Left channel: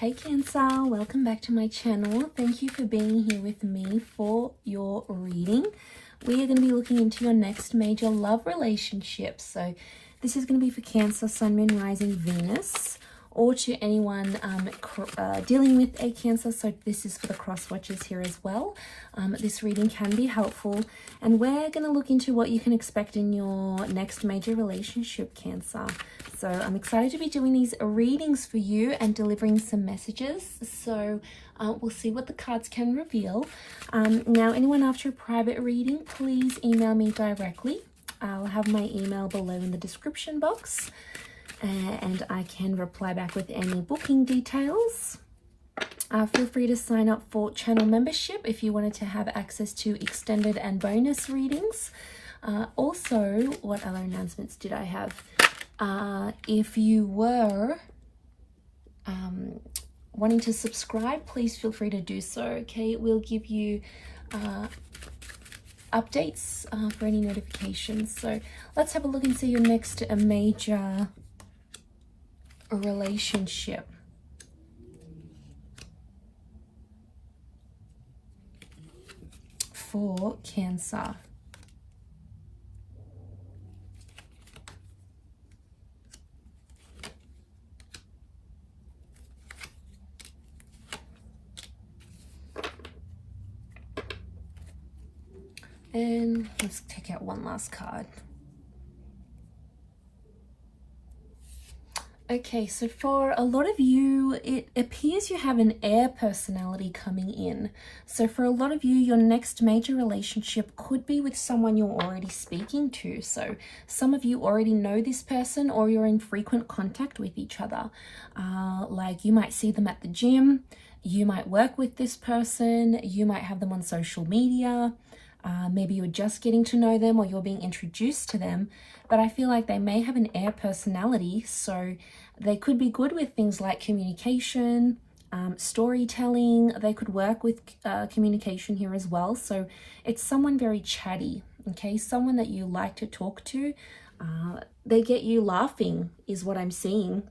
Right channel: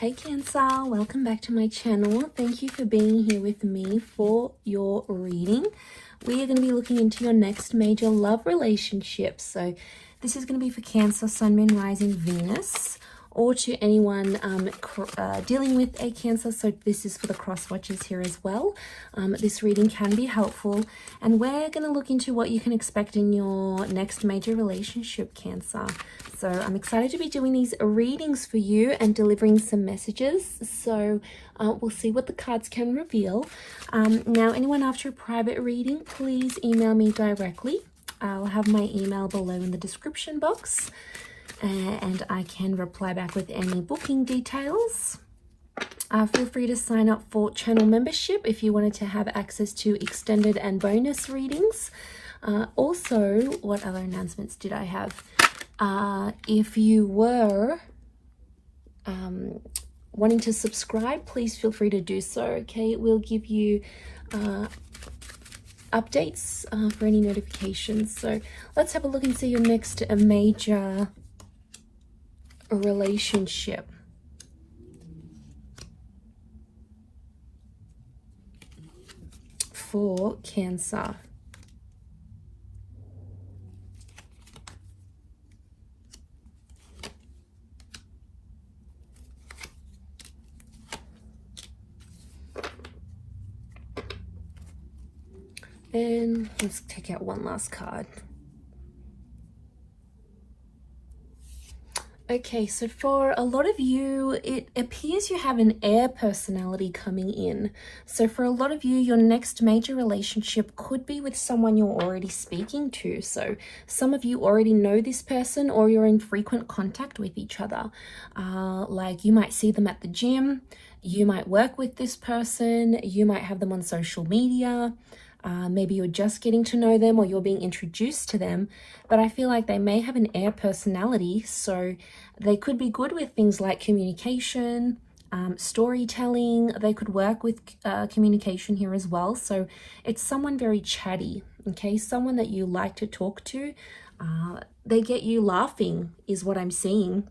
Hey Cancer, welcome back to my channel. Thank you for being here with me for your reading. We are going to be looking into your next major love relationship. So this is going to be for Cancer, Sun, Moon, Rising, Venus, or to anyone dealing with a Cancer. So this is for the cross watchers here as well. This reading can be helpful, and we're going to look into what you can expect in your next major relationship, Cancer. So I'm excited to be doing these readings for you and delivering some messages. So we'll see what the cards can reveal. Now, anyone after a private reading, please email me directly. I'll have my email below in the description box, and I can reply back with any booking details. Feel free to sign up for channel membership if you wanted to have access to extended and bonus readings. Also, what other announcements did I have? If you were wanting to subscribe, please feel free to do so. Okay, it will give you updates for any notifications. So let's have a look and see your next major relationship. For Cancer. And let's take out one last card. Okay, so for a lot of you, it appears you have an air personality coming in. So for a lot of you, your next major relationship could be with someone you're already speaking to. So some of you already know this person, or you're in frequent contact with each other. Like you might see them at the gym, you might work with this person, you might have them on social media. Maybe you're just getting to know them, or you're being introduced to them, but I feel like they may have an air personality, so they could be good with things like communication, storytelling. They could work with communication here as well. So it's someone very chatty, okay? Someone that you like to talk to. They get you laughing is what I'm seeing.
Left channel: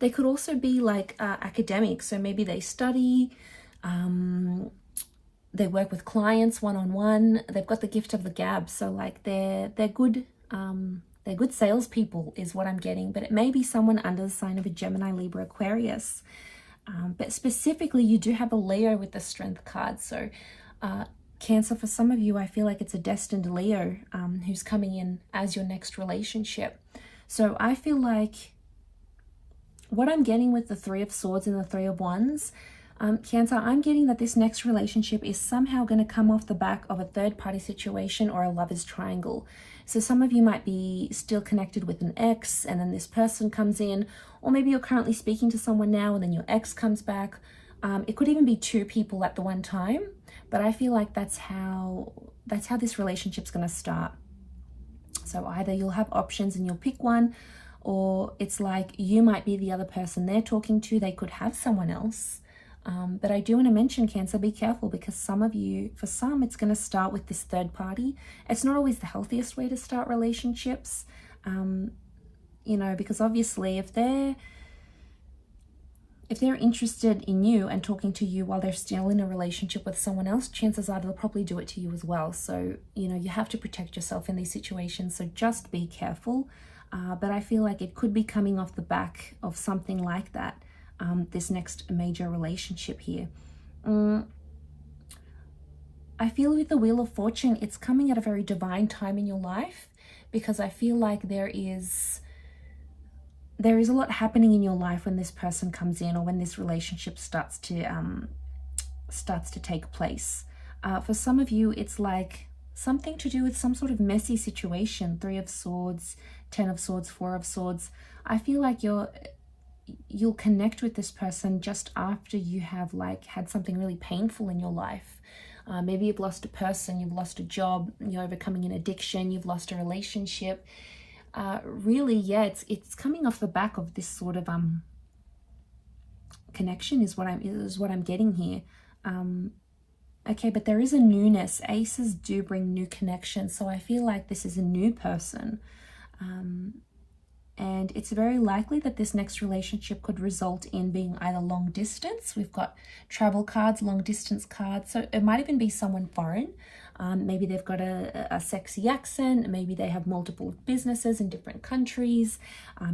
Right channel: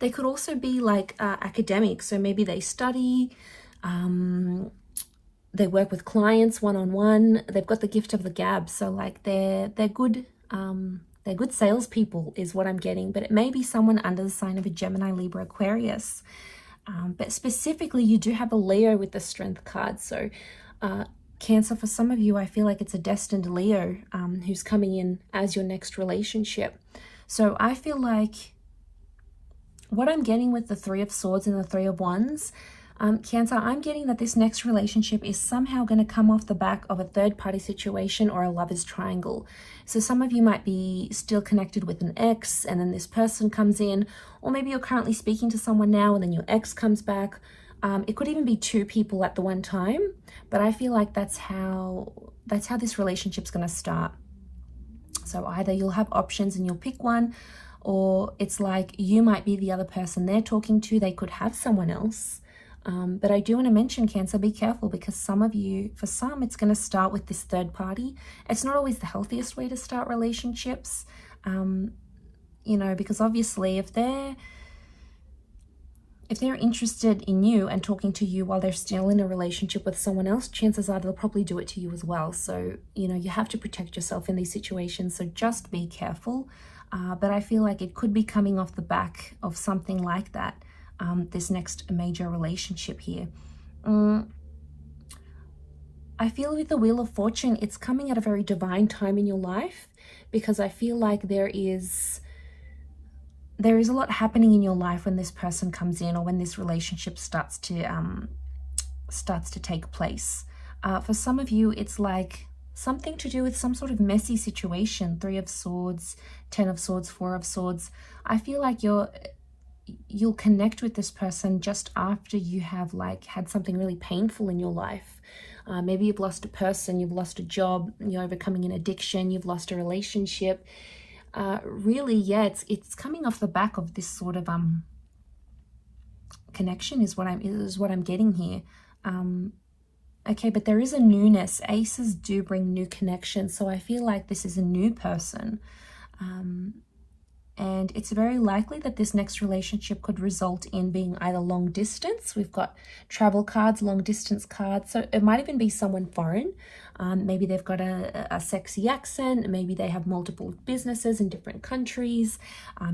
They could also be like academic, so maybe they study, they work with clients one-on-one. They've got the gift of the gab, so like they're good salespeople is what I'm getting. But it may be someone under the sign of a Gemini, Libra, Aquarius. But specifically, you do have a Leo with the Strength card. So Cancer, for some of you, I feel like it's a destined Leo who's coming in as your next relationship. So I feel like what I'm getting with the Three of Swords and the Three of Wands, Cancer, I'm getting that this next relationship is somehow going to come off the back of a third-party situation or a lover's triangle. So some of you might be still connected with an ex, and then this person comes in, or maybe you're currently speaking to someone now and then your ex comes back. It could even be two people at the one time, but I feel like that's how this relationship's going to start. So either you'll have options and you'll pick one, or it's like you might be the other person they're talking to. They could have someone else. But I do want to mention, Cancer, be careful, because some of you, for some, it's going to start with this third party. It's not always the healthiest way to start relationships, you know, because obviously if they're interested in you and talking to you while they're still in a relationship with someone else, chances are they'll probably do it to you as well. So, you know, you have to protect yourself in these situations. So just be careful. But I feel like it could be coming off the back of something like that. This next major relationship here. I feel with the Wheel of Fortune, it's coming at a very divine time in your life, because I feel like there is a lot happening in your life when this person comes in, or when this relationship starts to take place. For some of you, it's like something to do with some sort of messy situation. Three of Swords, Ten of Swords, Four of Swords. I feel like you'll connect with this person just after you have like had something really painful in your life. Maybe you've lost a person, you've lost a job, you're overcoming an addiction, you've lost a relationship. Really, yeah, it's coming off the back of this sort of connection is what I'm getting here. Okay, but there is a newness. Aces do bring new connections, so I feel like this is a new person. And it's very likely that this next relationship could result in being either long distance. We've got travel cards, long distance cards. So it might even be someone foreign. Maybe they've got a sexy accent. Maybe they have multiple businesses in different countries.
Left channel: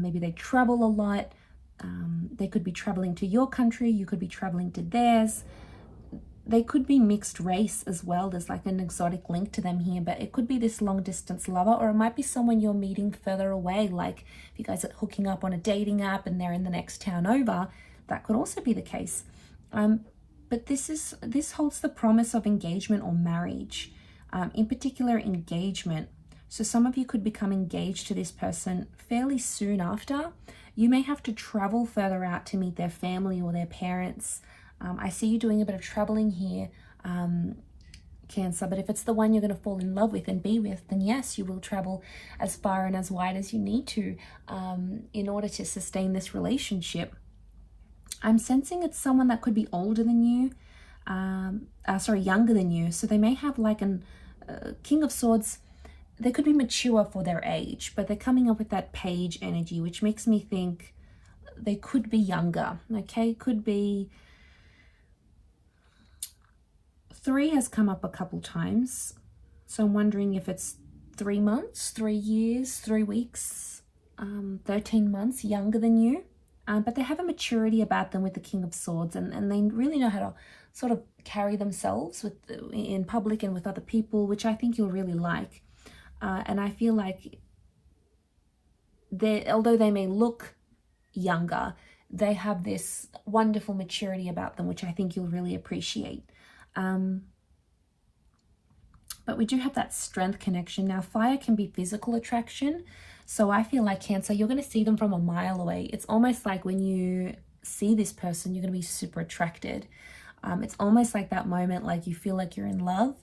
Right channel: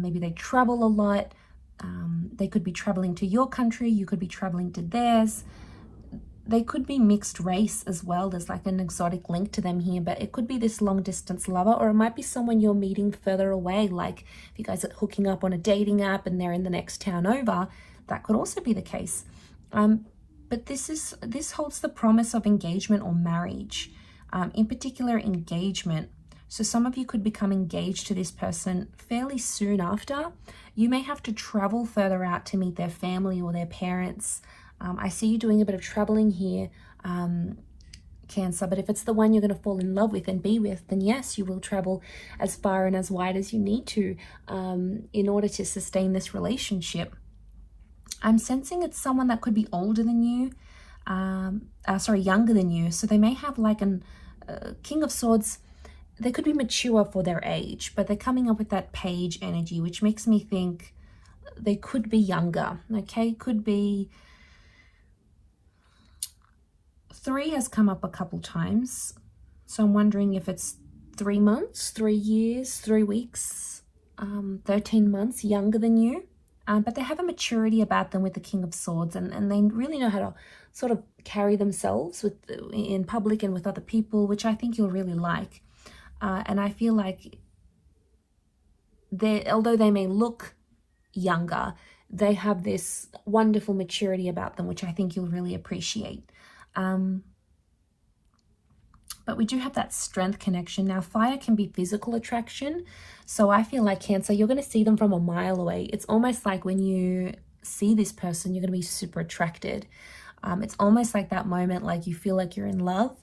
Maybe they travel a lot. They could be traveling to your country. You could be traveling to theirs. They could be mixed race as well. There's like an exotic link to them here, but it could be this long distance lover, or it might be someone you're meeting further away. Like if you guys are hooking up on a dating app and they're in the next town over, that could also be the case. But this holds the promise of engagement or marriage, in particular engagement. So some of you could become engaged to this person fairly soon after. You may have to travel further out to meet their family or their parents. I see you doing a bit of traveling here, Cancer, but if it's the one you're going to fall in love with and be with, then yes, you will travel as far and as wide as you need to in order to sustain this relationship. I'm sensing it's someone that could be older than you, younger than you. So they may have like an King of Swords. They could be mature for their age, but they're coming up with that page energy, which makes me think they could be younger, okay? Could be... 3 has come up a couple times, so I'm wondering if it's 3 months, 3 years, 3 weeks, 13 months younger than you. But they have a maturity about them with the King of Swords, and they really know how to sort of carry themselves in public and with other people, which I think you'll really like. And I feel like although they may look younger, they have this wonderful maturity about them, which I think you'll really appreciate. But we do have that strength connection. Now, fire can be physical attraction. So I feel like Cancer, you're going to see them from a mile away. It's almost like when you see this person, you're going to be super attracted. It's almost like that moment, like you feel like you're in love.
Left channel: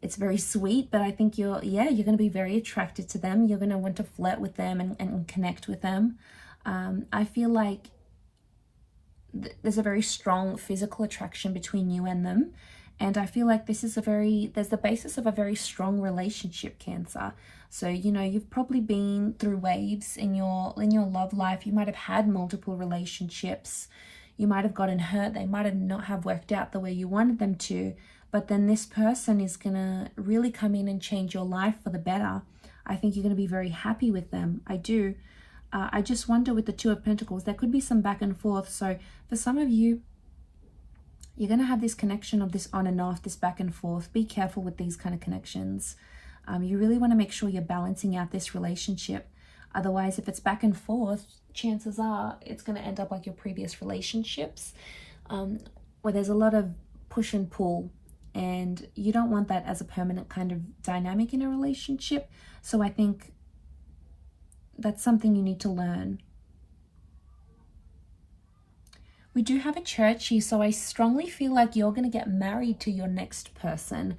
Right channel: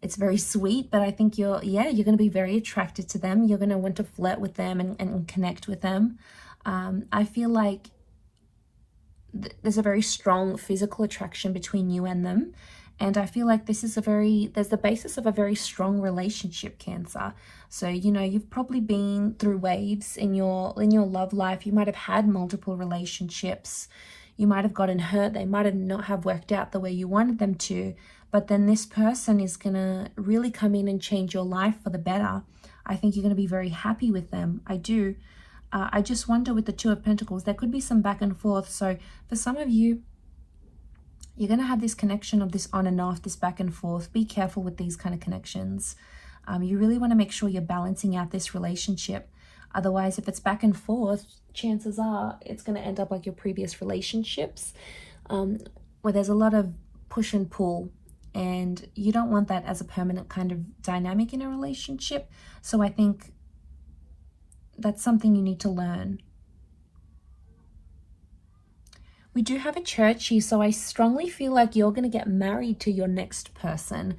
It's very sweet, but I think you're going to be very attracted to them. You're going to want to flirt with them and connect with them. I feel like there's a very strong physical attraction between you and them. And I feel like there's the basis of a very strong relationship, Cancer. So, you know, you've probably been through waves in your love life. You might have had multiple relationships. You might have gotten hurt. They might have not have worked out the way you wanted them to. But then this person is going to really come in and change your life for the better. I think you're going to be very happy with them. I do. I just wonder with the Two of Pentacles, there could be some back and forth. So for some of you, you're going to have this connection of this on and off, this back and forth. Be careful with these kind of connections. You really want to make sure you're balancing out this relationship. Otherwise, if it's back and forth, chances are it's going to end up like your previous relationships, where there's a lot of push and pull. And you don't want that as a permanent kind of dynamic in a relationship. So I think that's something you need to learn. We do have a church here, so I strongly feel like you're going to get married to your next person.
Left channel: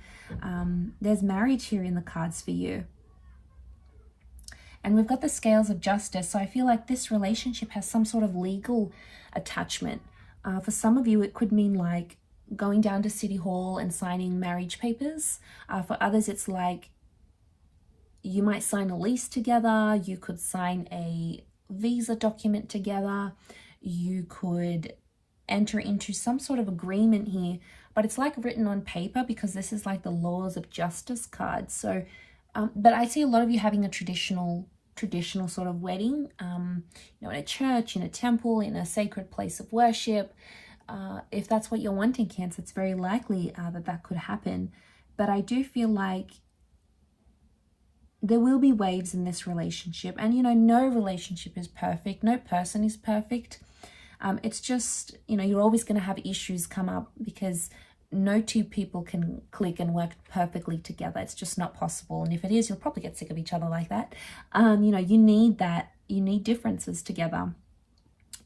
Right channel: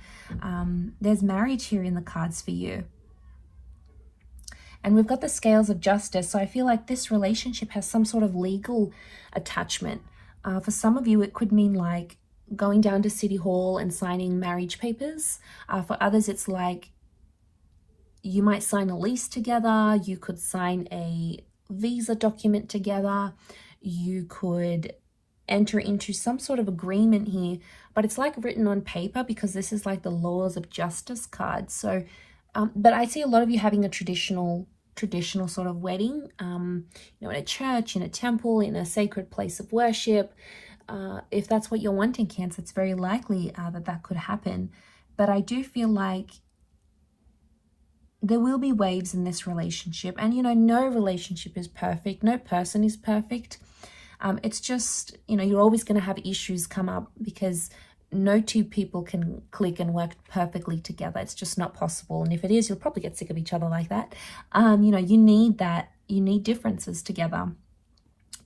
There's marriage here in the cards for you. And we've got the scales of justice, so I feel like this relationship has some sort of legal attachment. For some of you, it could mean like going down to City Hall and signing marriage papers. For others, it's like you might sign a lease together. You could sign a visa document together. You could enter into some sort of agreement here, but it's like written on paper because this is like the laws of justice card. So, but I see a lot of you having a traditional sort of wedding, you know, in a church, in a temple, in a sacred place of worship. If that's what you're wanting, Cancer, it's very likely that could happen. But I do feel like there will be waves in this relationship. And, you know, no relationship is perfect. No person is perfect. It's just, you know, you're always going to have issues come up because no two people can click and work perfectly together. It's just not possible. And if it is, you'll probably get sick of each other like that. You know, you need that. You need differences together.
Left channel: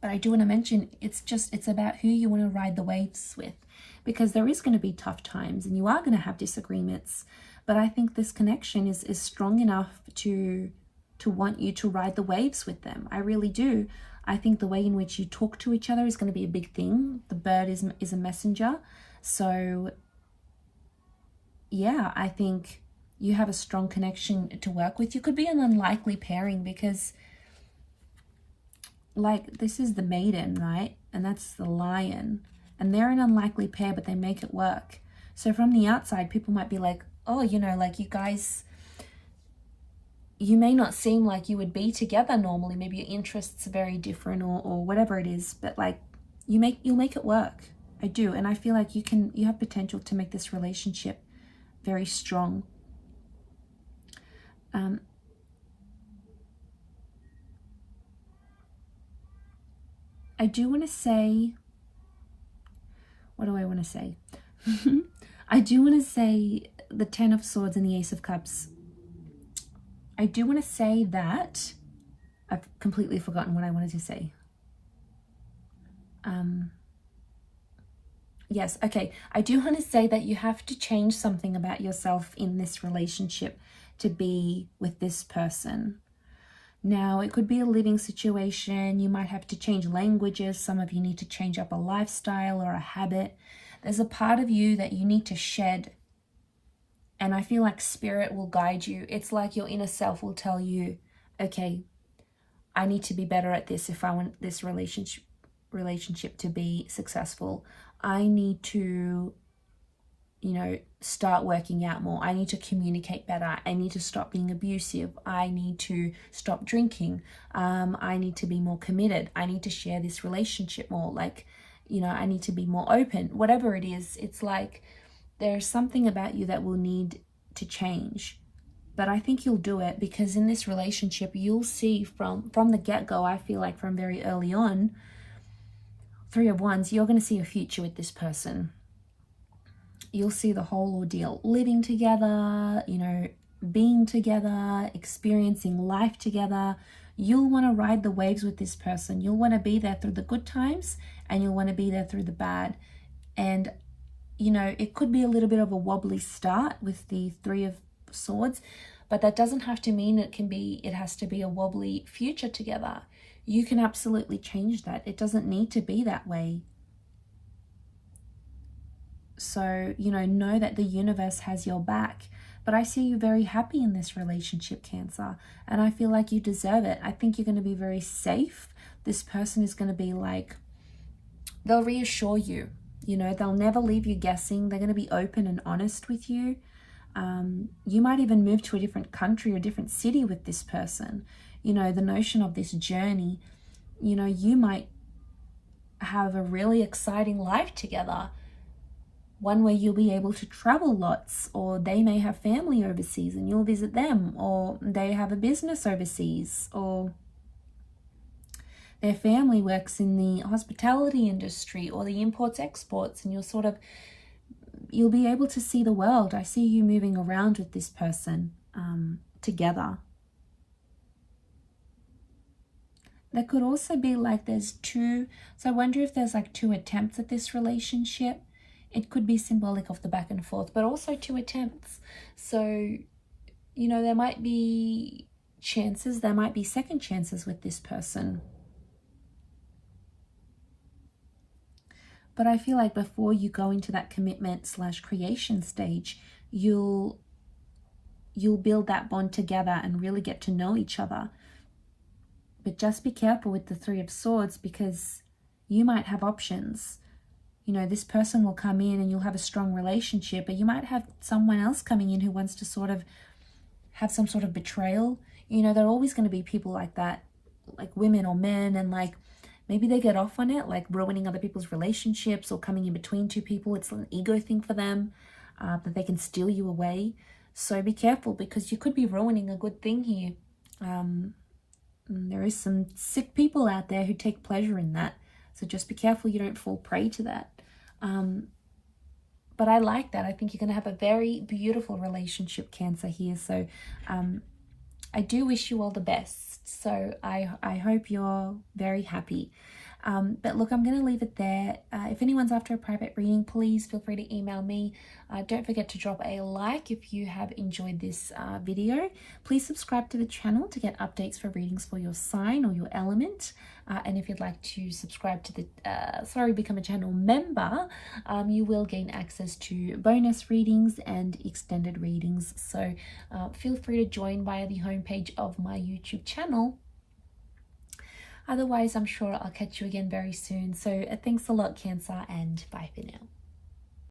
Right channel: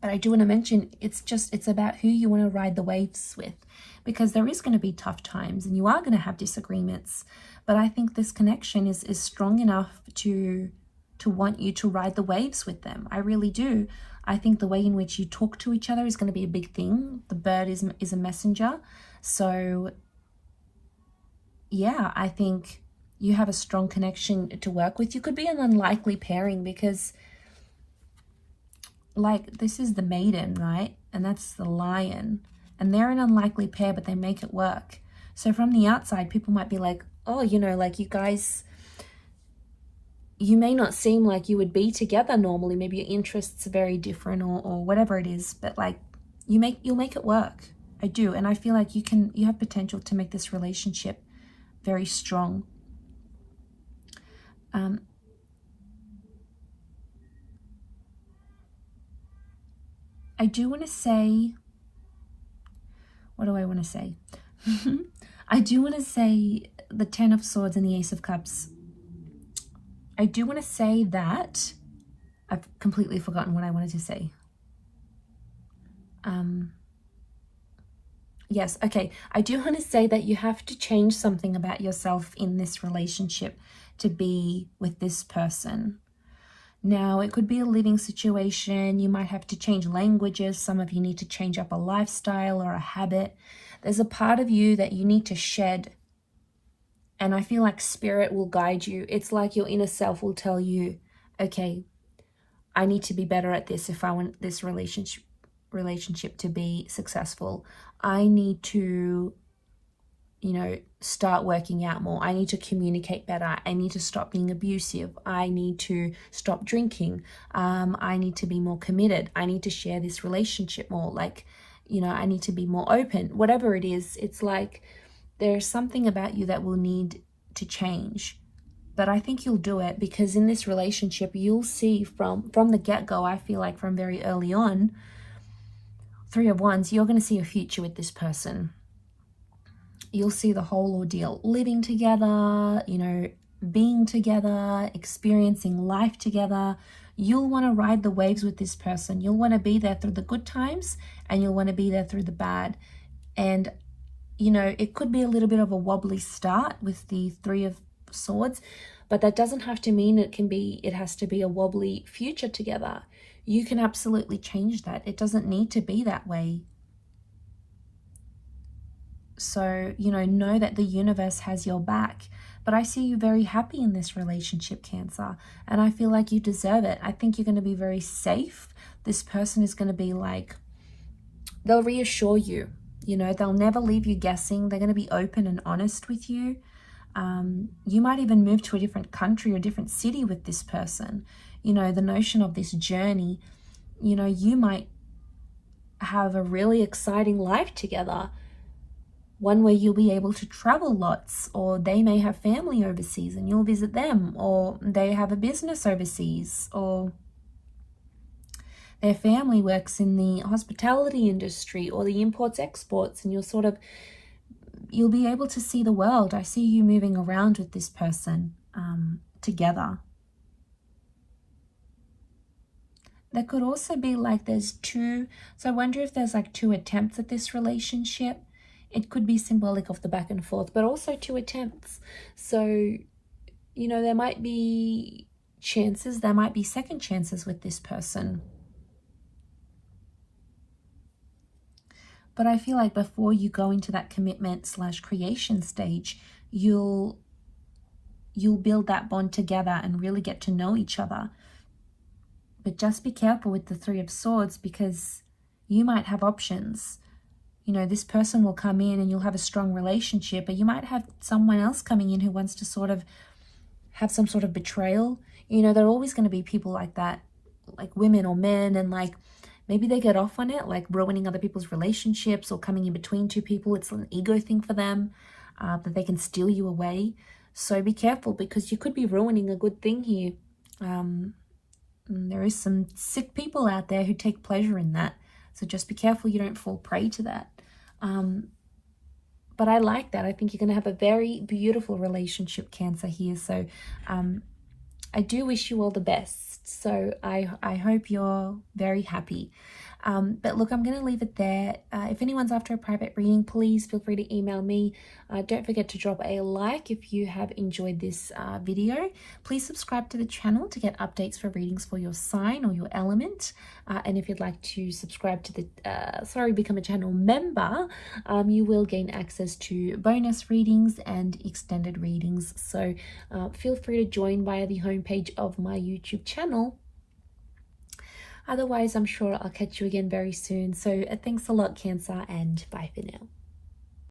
But I do want to mention, it's about who you want to ride the waves with, because there is going to be tough times and you are going to have disagreements. But I think this connection is strong enough to want you to ride the waves with them. I really do. I think the way in which you talk to each other is going to be a big thing. The bird is a messenger. So yeah, I think you have a strong connection to work with. You could be an unlikely pairing because, like, this is the maiden, right? And that's the lion. And they're an unlikely pair, but they make it work. So from the outside, people might be like, oh, you know, like you guys, you may not seem like you would be together normally. Maybe your interests are very different or whatever it is, but like you'll make it work. I do. And I feel like you have potential to make this relationship very strong. I do want to say, what do I want to say? I do want to say the Ten of Swords and the Ace of Cups. I do want to say that I've completely forgotten what I wanted to say. Yes, okay. I do want to say that you have to change something about yourself in this relationship to be with this person. Now, it could be a living situation. You might have to change languages. Some of you need to change up a lifestyle or a habit. There's a part of you that you need to shed. And I feel like spirit will guide you. It's like your inner self will tell you, okay, I need to be better at this if I want this relationship to be successful. I need to, you know, start working out more. I need to communicate better. I need to stop being abusive. I need to stop drinking. I need to be more committed. I need to share this relationship more. Like, you know, I need to be more open. Whatever it is, it's like there's something about you that will need to change. But I think you'll do it, because in this relationship, you'll see from the get-go, I feel like from very early on, Three of Wands, you're going to see a future with this person. You'll see the whole ordeal, living together, you know, being together, experiencing life together. You'll want to ride the waves with this person. You'll want to be there through the good times, and you'll want to be there through the bad. And, you know, it could be a little bit of a wobbly start with the Three of Swords, but that doesn't have to mean it has to be a wobbly future together. You can absolutely change that. It doesn't need to be that way. So, you know that the universe has your back. But I see you very happy in this relationship, Cancer. And I feel like you deserve it. I think you're going to be very safe. This person is going to be like, they'll reassure you. You know, they'll never leave you guessing. They're going to be open and honest with you. You might even move to a different country or a different city with this person. You know, the notion of this journey, you know, you might have a really exciting life together. One where you'll be able to travel lots, or they may have family overseas and you'll visit them, or they have a business overseas, or their family works in the hospitality industry or the imports exports, and you'll be able to see the world. I see you moving around with this person together. There could also be like there's two, so I wonder if there's like two attempts at this relationship. It could be symbolic of the back and forth, but also two attempts. So, you know, there might be chances, there might be second chances with this person. But I feel like before you go into that commitment / creation stage, you'll build that bond together and really get to know each other. But just be careful with the Three of Swords, because you might have options. You know, this person will come in and you'll have a strong relationship, but you might have someone else coming in who wants to sort of have some sort of betrayal. You know, there are always going to be people like that, like women or men, and like maybe they get off on it, like ruining other people's relationships or coming in between two people. It's an ego thing for them, that they can steal you away. So be careful, because you could be ruining a good thing here. There is some sick people out there who take pleasure in that. So just be careful you don't fall prey to that. But I like that. I think you're going to have a very beautiful relationship, Cancer, here. So I do wish you all the best. So I hope you're very happy. But look, I'm going to leave it there. If anyone's after a private reading, please feel free to email me. Don't forget to drop a like if you have enjoyed this video. Please subscribe to the channel to get updates for readings for your sign or your element. And if you'd like to subscribe to the, become a channel member, you will gain access to bonus readings and extended readings. So feel free to join via the homepage of my YouTube channel. Otherwise, I'm sure I'll catch you again very soon. So thanks a lot, Cancer, and bye for now.